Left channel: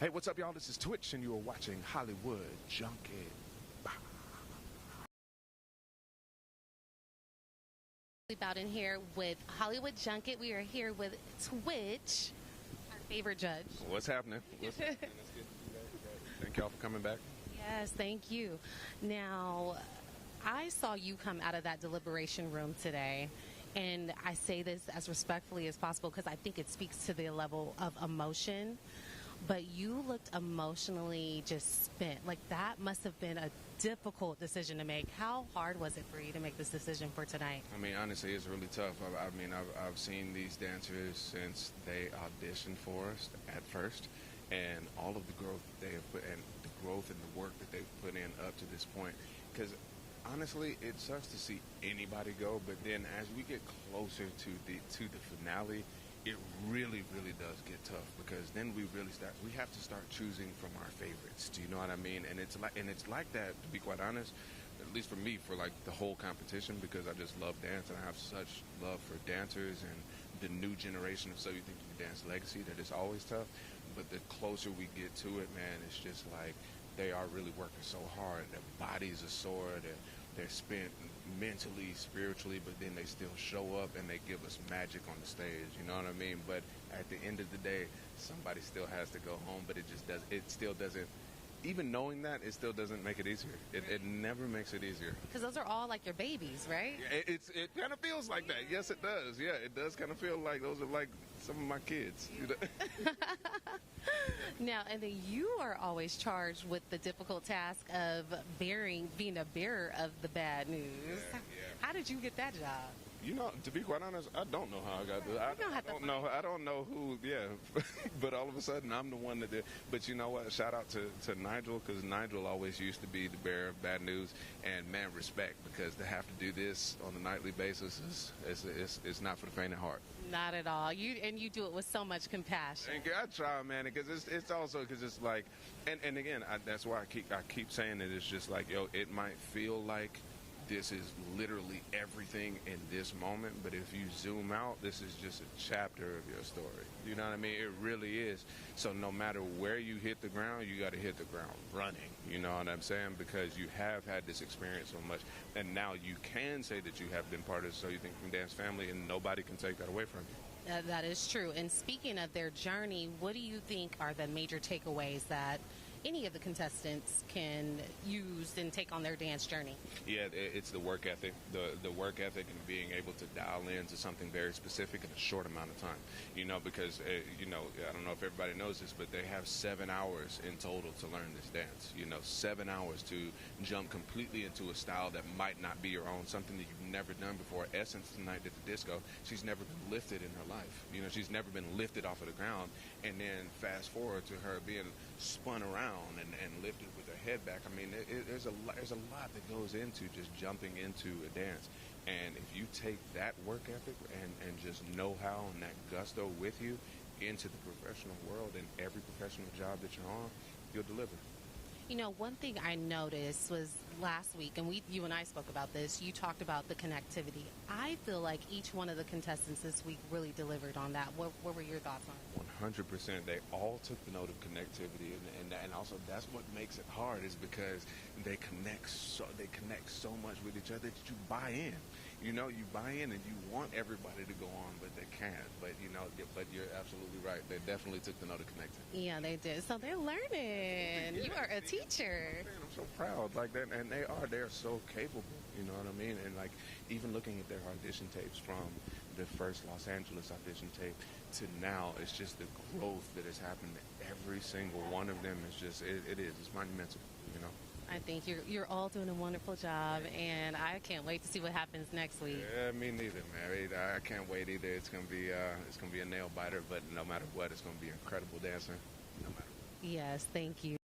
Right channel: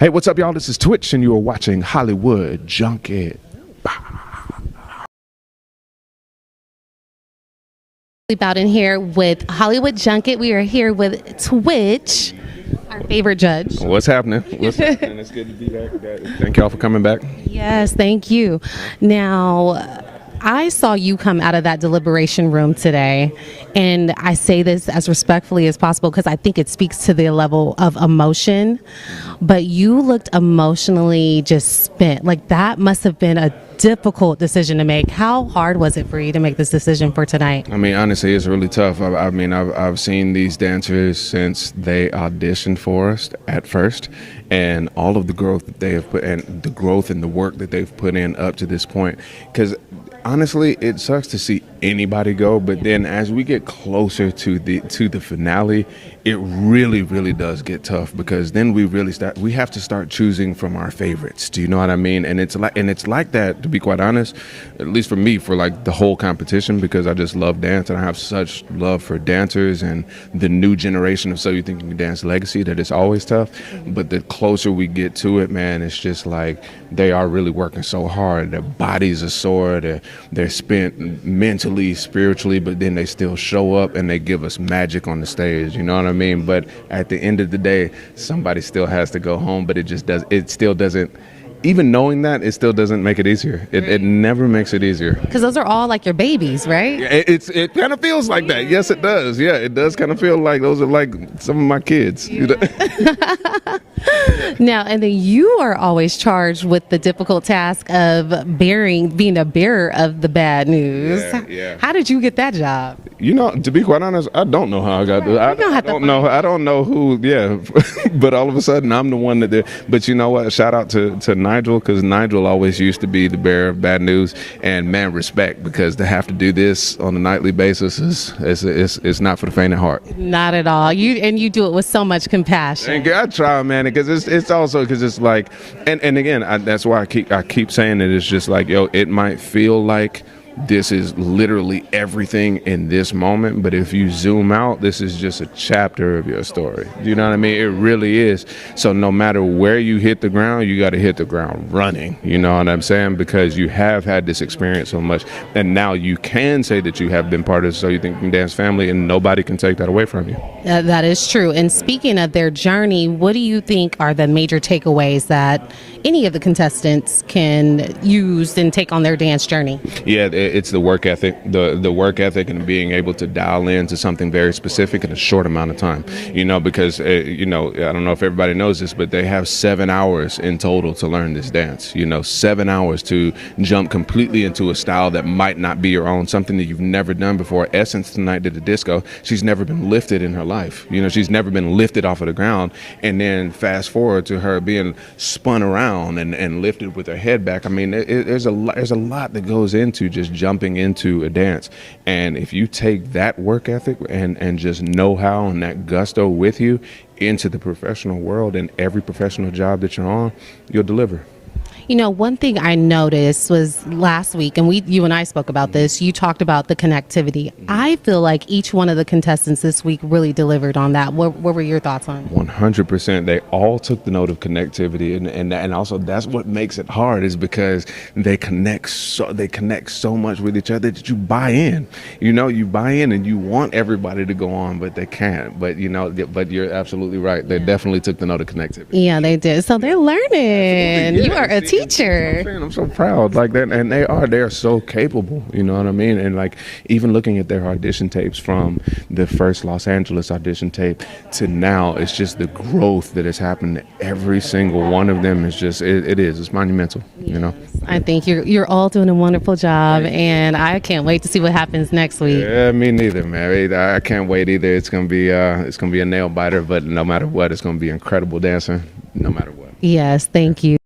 Hey, what's up, y'all? This is Twitch, and you are watching Hollywood Junket. Ashley Bowden here with Hollywood Junket. We are here with Twitch, our favorite judge. What's happening? What's happening? It's good to be back. Thank y'all for coming back. Yes, thank you. Now, I saw you come out of that deliberation room today, and I say this as respectfully as possible because I think it speaks to the level of emotion, but you looked emotionally just spent. Like, that must have been a difficult decision to make. How hard was it for you to make this decision for tonight? I mean, honestly, it's really tough. I've seen these dancers since they auditioned for us at first, and all of the growth that they have put, and the growth and the work that they've put in up to this point. Because honestly, it sucks to see anybody go, but then as we get closer to the finale, it really does get tough, because then we have to start choosing from our favorites. Do you know what I mean? And it's like that, to be quite honest, at least for me, for like the whole competition, because I just love dance and I have such love for dancers and the new generation of So You Think You Can Dance legacy, that it's always tough. But the closer we get to it, man, it's just like they are really working so hard. Their bodies are sore, they're spent mentally, spiritually, but then they still show up and they give us magic on the stage. You know what I mean? But at the end of the day, somebody still has to go home, but it still doesn't, even knowing that, it still doesn't make it easier. It never makes it easier. Because those are all like your babies, right? It kind of feels like that. Yes, it does. Yeah, it does kind of feel like those are like some of my kids. Yeah. Now, and then you are always charged with the difficult task of being a bearer of the bad news. Yeah. How did you get that job? You know, to be quite honest, I don't know how I got there. I don't know who. Yeah, but all of a sudden, I'm the one that did. But you know what? Shout out to Nigel, because Nigel always used to be the bearer of bad news. And man, respect, because to have to do this on a nightly basis is not for the faint of heart. Not at all. You do it with so much compassion. And I try, man, because it's also because it's like, and again, that's why I keep saying it. It's just like, yo, it might feel like this is literally everything in this moment, but if you zoom out, this is just a chapter of your story. Do you know what I mean? It really is. So no matter where you hit the ground, you got to hit the ground running. You know what I'm saying? Because you have had this experience so much, and now you can say that you have been part of So You Think You Can Dance family, and nobody can take that away from you. That is true. And speaking of their journey, what do you think are the major takeaways that any of the contestants can use and take on their dance journey? Yeah, it's the work ethic, the work ethic, and being able to dial into something very specific in a short amount of time. You know, because I don't know if everybody knows this, but they have 7 hours in total to learn this dance. You know, 7 hours to jump completely into a style that might not be your own, something that you've never done before. Essence tonight did a disco. She's never been lifted in her life. You know, she's never been lifted off of the ground. And then fast forward to her being spun around and lifted with her head back. I mean, there's a lot that goes into just jumping into a dance. And if you take that work ethic and just know-how and that gusto with you into the professional world and every professional job that you're on, you'll deliver. You know, one thing I noticed was last week, and you and I spoke about this, you talked about the connectivity. I feel like each one of the contestants this week really delivered on that. What were your thoughts on it? 100%. They all took the note of connectivity, and also that's what makes it hard, is because they connect so much with each other that you buy in. You know, you buy in and you want everybody to go on, but they can't. But you're absolutely right. They definitely took the note of connectivity. Yeah, they did. So they're learning. Yeah, you are a teacher. I'm so proud like that, and they're so capable. You know what I mean? And like, even looking at their audition tapes from the first Los Angeles audition tape to now, it's just the growth that has happened to every single one of them. Is just it's monumental. You know. I think you're all doing a wonderful job, and I can't wait to see what happens next week. Yeah, me neither, man. I can't wait either. It's gonna be a nail biter, but no matter what, it's gonna be incredible dancing, no matter what. Yes, thank you.